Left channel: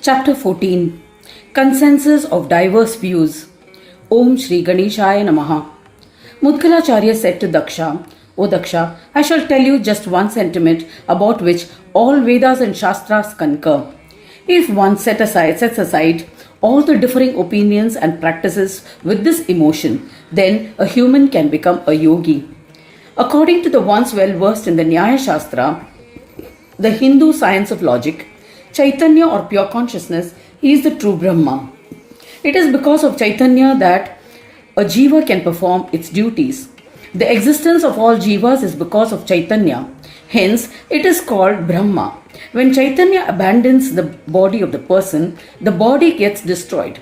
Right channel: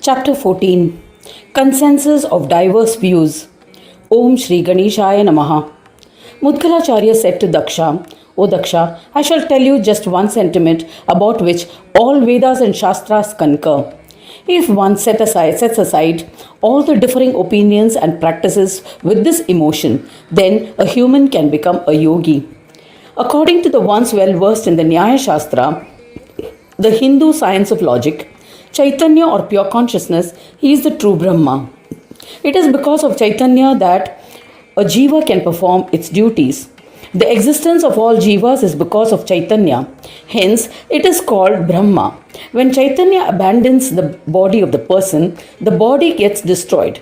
Chapter 14. Consensus of Diverse Views. Om Shri Ganeshaya Namaha. Mudgalacharya said to Daksha, O Daksha, I shall tell you just one sentiment about which all Vedas and Shastras concur. If one sets aside all the differing opinions and practices with this emotion, then a human can become a yogi. According to the ones well versed in the Nyaya Shastra, the Hindu science of logic, Chaitanya or pure consciousness is the true Brahma. It is because of Chaitanya that a jiva can perform its duties. The existence of all jivas is because of Chaitanya. Hence, it is called Brahma. When Chaitanya abandons the body of the person, the body gets destroyed.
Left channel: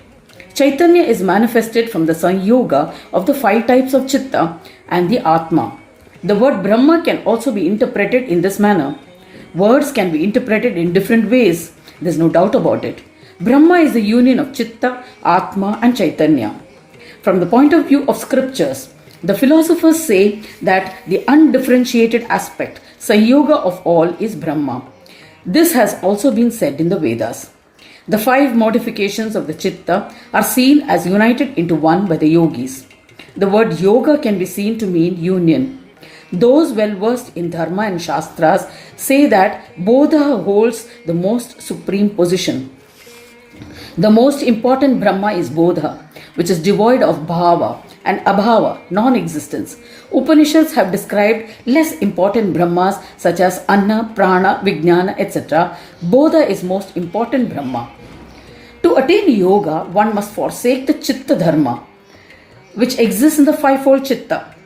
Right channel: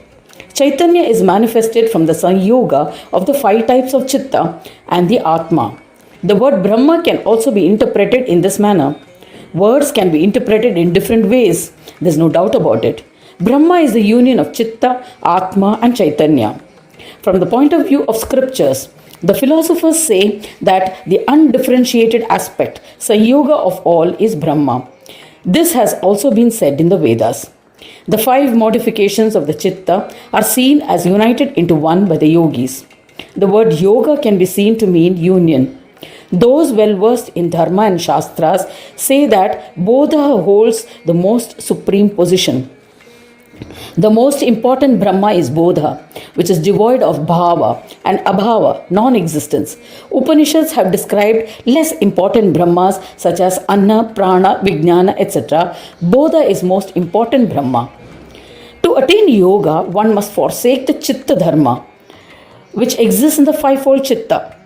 Chaitanya is manifested from the Sanyoga of the 5 types of Chitta and the Atma. The word Brahma can also be interpreted in this manner. Words can be interpreted in different ways. There's no doubt about it. Brahma is the union of Chitta, Atma and Chaitanya. From the point of view of scriptures, the philosophers say that the undifferentiated aspect, Sanyoga of all, is Brahma. This has also been said in the Vedas. The 5 modifications of the Chitta are seen as united into one by the yogis. The word yoga can be seen to mean union. Those well versed in Dharma and Shastras say that Bodha holds the most supreme position. The most important Brahma is Bodha, which is devoid of Bhava and Abhava, non-existence. Upanishads have described less important Brahmas such as Anna, Prana, Vijnana, etc. Bodha is most important Brahma. To attain yoga, one must forsake the Chitta Dharma, which exists in the 5-fold Chitta.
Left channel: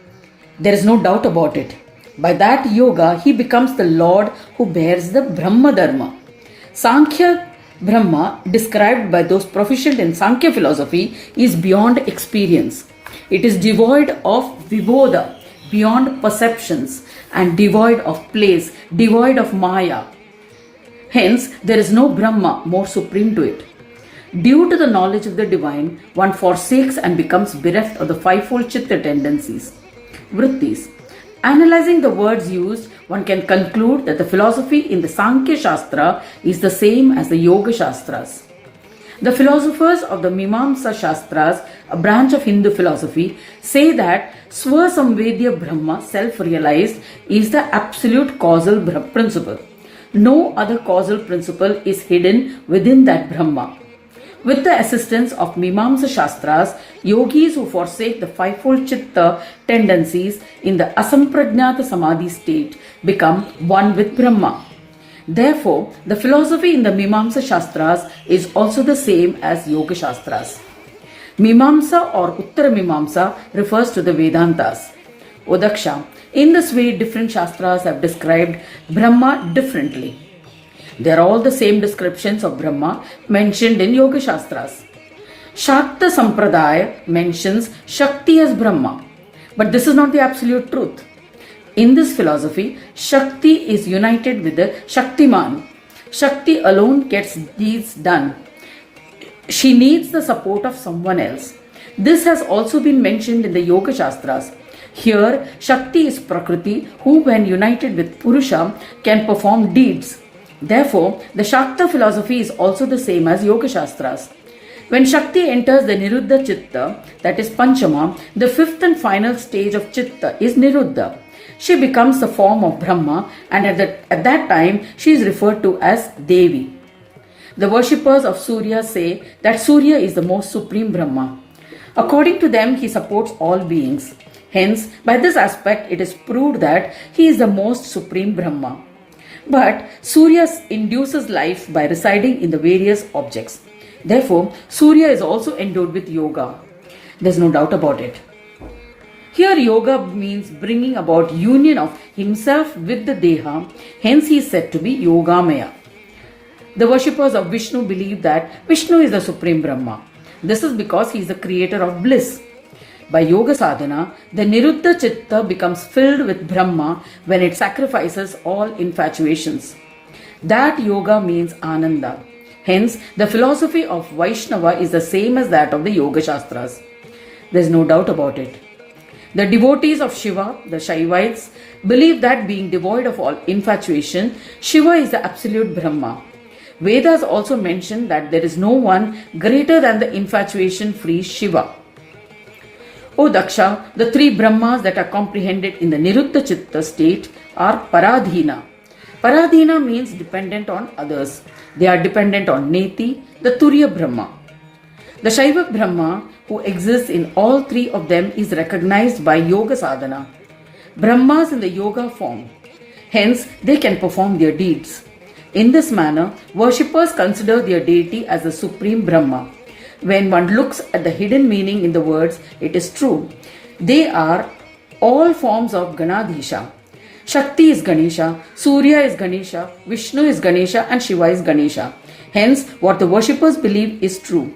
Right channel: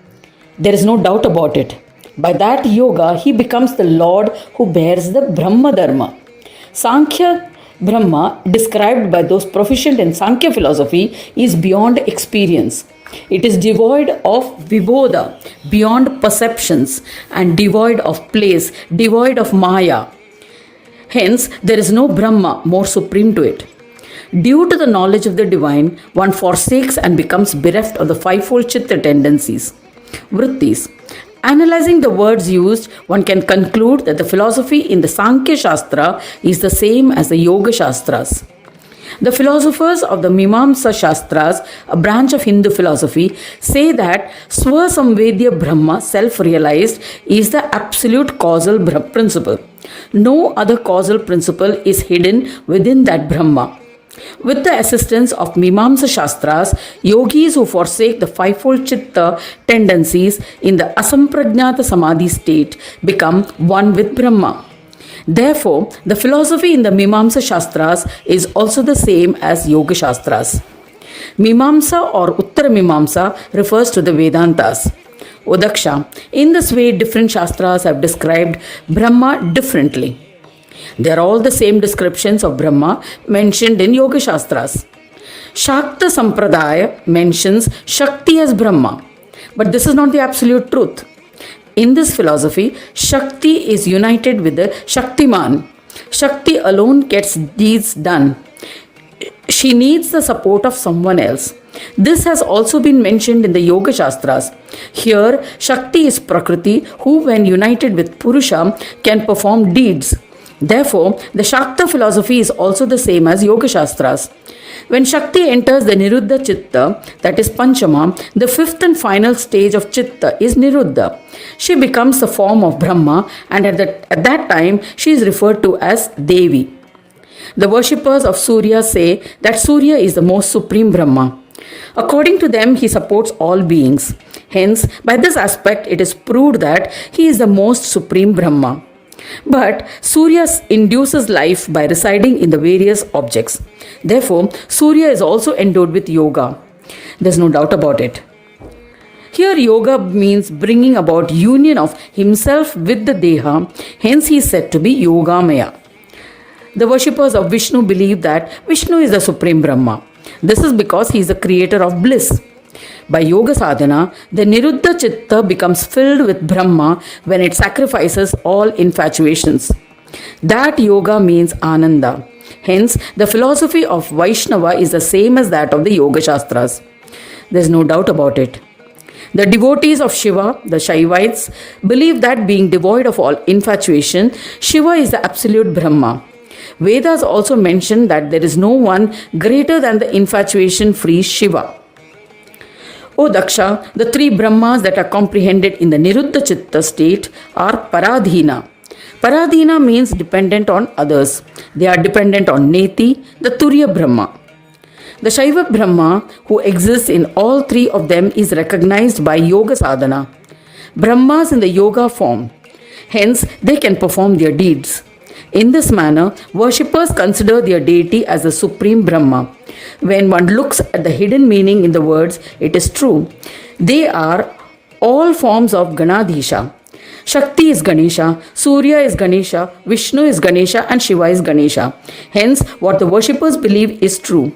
There is no doubt about it. By that yoga, he becomes the Lord who bears the Brahma Dharma. Sankhya Brahma, described by those proficient in Sankhya philosophy, is beyond experience. It is devoid of vibodha, beyond perceptions, and devoid of place, devoid of Maya. Hence, there is no Brahma more supreme to it. Due to the knowledge of the divine, one forsakes and becomes bereft of the 5-fold Chitta tendencies. Vrittis. Analyzing the words used, one can conclude that the philosophy in the Sankhya Shastra is the same as the Yoga Shastras. The philosophers of the Mimamsa Shastras, a branch of Hindu philosophy, say that Swasamvedya Brahma, self-realized, is the absolute causal principle. No other causal principle is hidden within that Brahma. With the assistance of Mimamsa Shastras, yogis who forsake the 5-fold Chitta tendencies in the Asamprajnata Samadhi state become one with Brahma. Therefore, the philosophy in the Mimamsa Shastras is also the same as Yoga Shastras. Mimamsa or Uttara Mimamsa refers to the Vedantas. O Daksha, in this way different Shastras have described Brahma differently. They are all the same descriptions of Brahma mentioned in Yoga Shastras. Shakta Sampradaya mentions Shakti as Brahma, but this is not the absolute truth. In this philosophy, Shakti is united with the Shaktiman. Shakti alone gets deeds done. She needs the support of someone else. This has also been mentioned in the Yoga Shastras. Here, Shakti is Prakriti, who when united with Purusha can perform deeds. Therefore, the Shakta philosophy is also the same as Yoga Shastras. When Shakti enters the Niruddha Chitta, that is Panchama, the 5th and final stage of Chitta is Niruddha. She becomes the form of Brahma, and at that time she is referred to as Devi. The worshippers of Surya say that Surya is the most supreme Brahma. According to them, he supports all beings. Hence, by this aspect, it is proved that he is the most supreme Brahma. But Surya induces life by residing in the various objects. Therefore, Surya is also endowed with yoga. There's no doubt about it. Here, yoga means bringing about union of himself with the Deha. Hence, he is said to be Yogamaya. The worshippers of Vishnu believe that Vishnu is the supreme Brahma. This is because he is the creator of bliss. By yoga sadhana, the Niruddha Chitta becomes filled with Brahma when it sacrifices all infatuations. That yoga means Ananda. Hence, the philosophy of Vaishnava is the same as that of the Yoga Shastras. There is no doubt about it. The devotees of Shiva, the Shaivites, believe that being devoid of all infatuation, Shiva is the absolute Brahma. Vedas also mention that there is no one greater than the infatuation-free Shiva. O Daksha, the three Brahmas that are comprehended in the Niruddha Chitta state are Paradhina. Paradhina means dependent on others. They are dependent on Neti, the Turiya Brahma. The Shaiva Brahma, who exists in all three of them, is recognized by Yoga Sadhana. Brahmas in the yoga form. Hence, they can perform their deeds. In this manner, worshippers consider their deity as the supreme Brahma. When one looks at the hidden meaning in the words, it is true. They are all forms of Ganadhisha. Shakti is Ganesha, Surya is Ganesha, Vishnu is Ganesha, and Shiva is Ganesha. Hence, what the worshippers believe is true.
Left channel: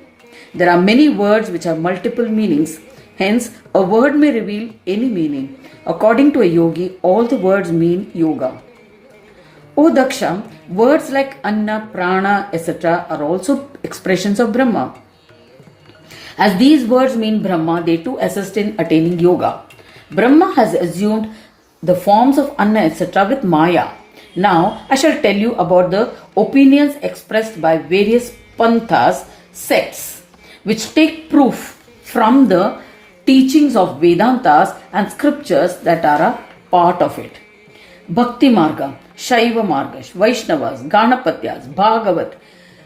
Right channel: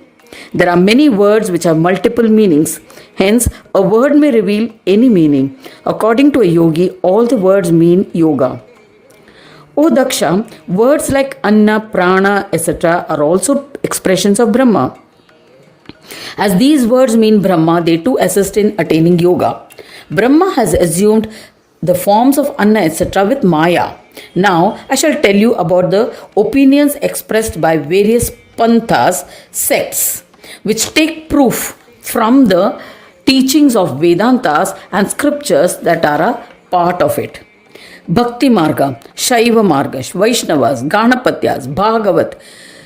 There are many words which have multiple meanings. Hence, a word may reveal any meaning. According to a yogi, all the words mean yoga. O Daksha, words like Anna, Prana, etc. are also expressions of Brahma. As these words mean Brahma, they too assist in attaining yoga. Brahma has assumed the forms of Anna, etc. with Maya. Now, I shall tell you about the opinions expressed by various panthas, sects, which take proof from the teachings of Vedantas and scriptures that are a part of it. Bhakti Marga, Shaiva Marga, Vaishnavas, Ganapatyas, Bhagavat,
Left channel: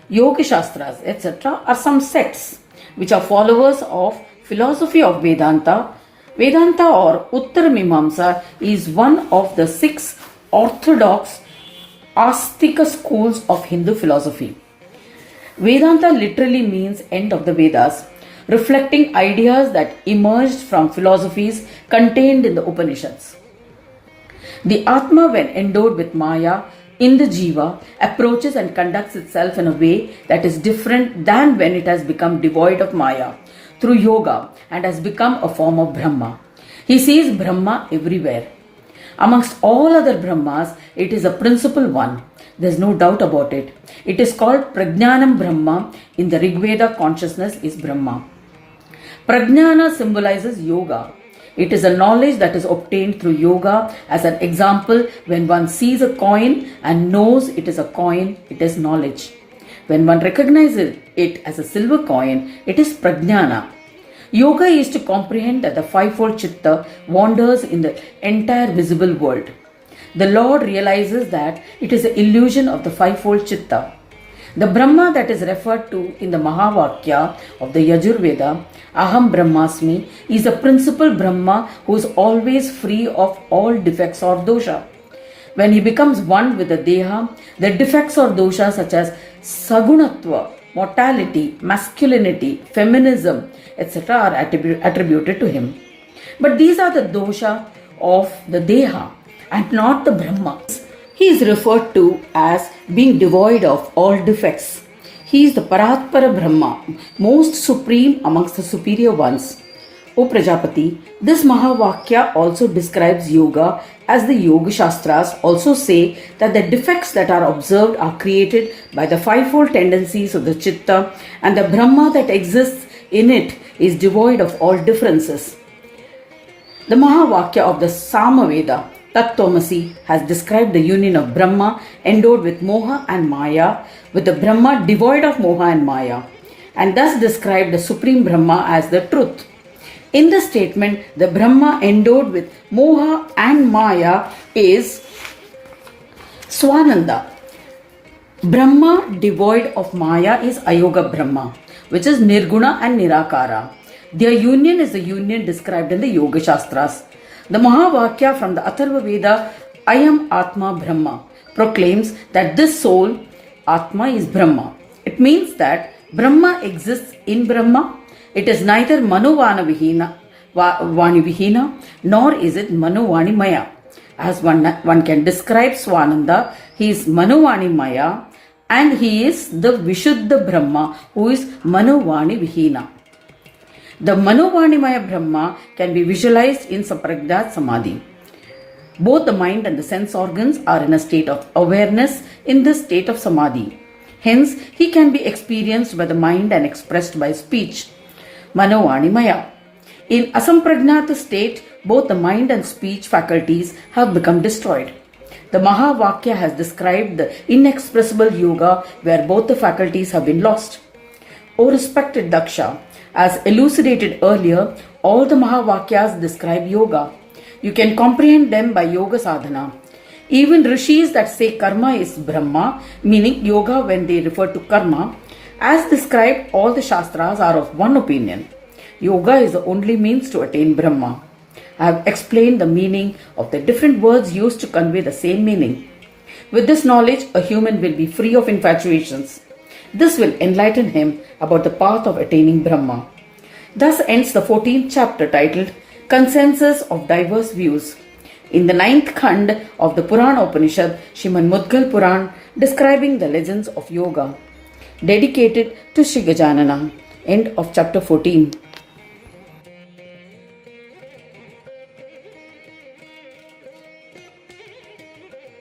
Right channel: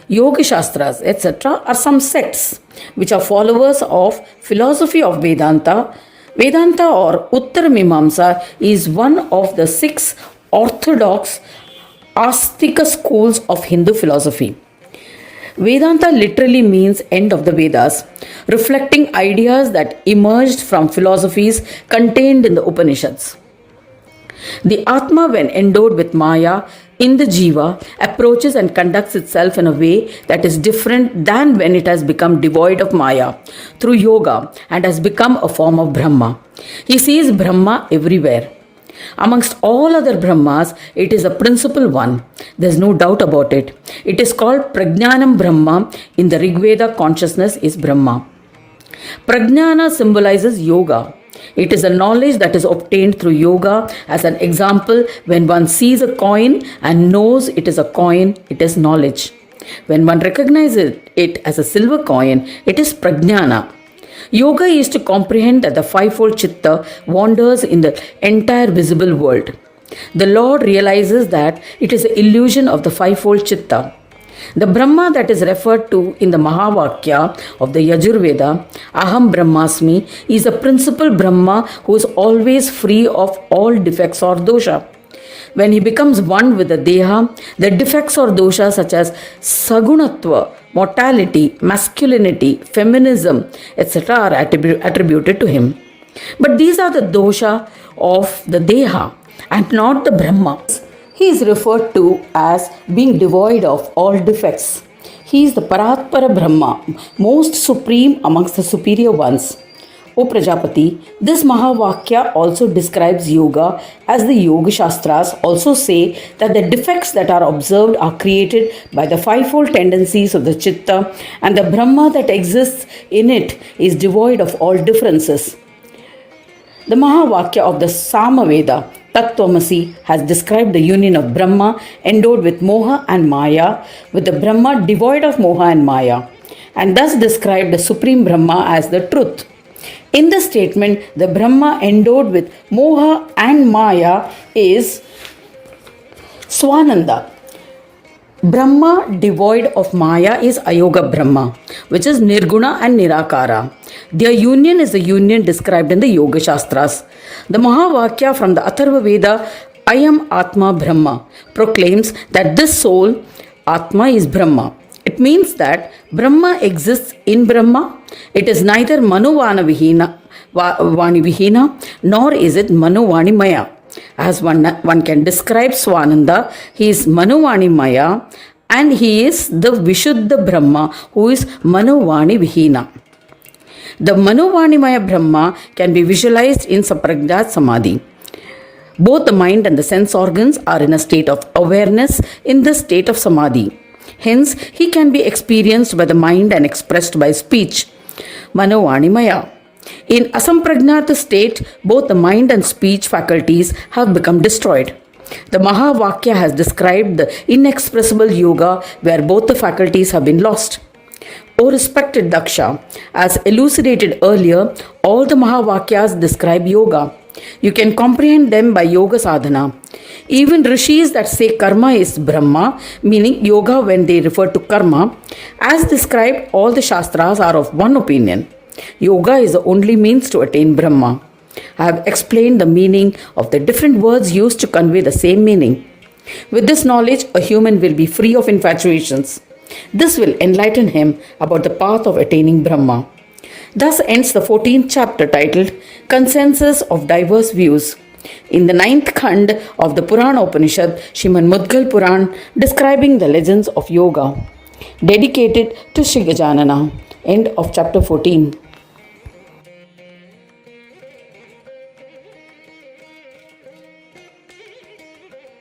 Yoga Shastras, etc. are some sects which are followers of philosophy of Vedanta. Vedanta or Uttara Mimamsa is one of the 6 orthodox Astika schools of Hindu philosophy. Vedanta literally means end of the Vedas, reflecting ideas that emerged from philosophies contained in the Upanishads. The Atma, when endowed with Maya in the Jiva, approaches and conducts itself in a way that is different than when it has become devoid of Maya through yoga and has become a form of Brahma. He sees Brahma everywhere. Amongst all other Brahmas, it is a principal one. There is no doubt about it. It is called Prajnanam Brahma. In the Rigveda, consciousness is Brahma. Prajnana symbolizes yoga. It is a knowledge that is obtained through yoga. As an example, when one sees a coin and knows it is a coin, it is knowledge. When one recognizes it as a silver coin, it is prajnana. Yoga is to comprehend that the fivefold chitta wanders in the entire visible world. The Lord realizes that it is an illusion of the fivefold chitta. The Brahma that is referred to in the Mahavakya of the Yajurveda, Aham Brahmasmi, is a principal Brahma who is always free of all defects or dosha. When he becomes one with the Deha, the defects or doshas such as Sagunatva, mortality, masculinity, feminism, etc. are attributed to him. But these are the dosha of the Deha and not the Brahma. He is referred to as being devoid of all defects. He is the Paratpara Brahma, most supreme amongst the superior ones. O Prajapati, this Mahavakya also describes yoga, as the Yoga Shastras also say that the defects that are observed are created by the fivefold tendencies of the Chitta, and the Brahma that exists in it is devoid of all differences. The Mahavakya of the Samaveda, Tattvamasi, has described the union of Brahma endowed with Moha and Maya with the Brahma devoid of Moha and Maya, and thus described the Supreme Brahma as the truth. In the statement, the Brahma endowed with Moha and Maya is Swananda. Brahma devoid of Maya is Ayoga Brahma, which is Nirguna and Nirakara. Their union is the union described in the Yoga Shastras. The Mahavakya from the Atharva Veda, Ayam Atma Brahma, proclaims that this soul, Atma, is Brahma. It means that Brahma exists in Brahma. It is neither Manovani Vihina nor is it Manovani Maya. As one can describe Swananda, he is Manovani Maya and he is the Vishuddha Brahma who is Manovani Vihina. The Manovani Maya Brahma can be visualized in Saprajnat Samadhi. Both the mind and the sense organs are in a state of awareness in the state of Samadhi. Hence, he can be experienced by the mind and expressed by speech. Manovani Maya. In Asamprajnata state, both the mind and speech faculties have become destroyed. The Mahavakya has described the inexpressible yoga where both the faculties have been lost. O respected Daksha, as elucidated earlier, all the Mahavakyas describe yoga. You can comprehend them by yoga sadhana. Even rishis that say karma is Brahma, meaning yoga when they refer to karma, as described, all the Shastras are of one opinion. Yoga is the only means to attain Brahma. I have explained the meaning of the different words used to convey the same meaning. With this knowledge, a human will be free of infatuations. This will enlighten him about the path of attaining Brahma. Thus ends the 14th chapter titled Consensus of Diverse Views. In the 9th Khand of the Purana Upanishad, Srimad Mudgal Puran, describing the legends of yoga. Dedicated to Sri Gajanana. End of chapter 14.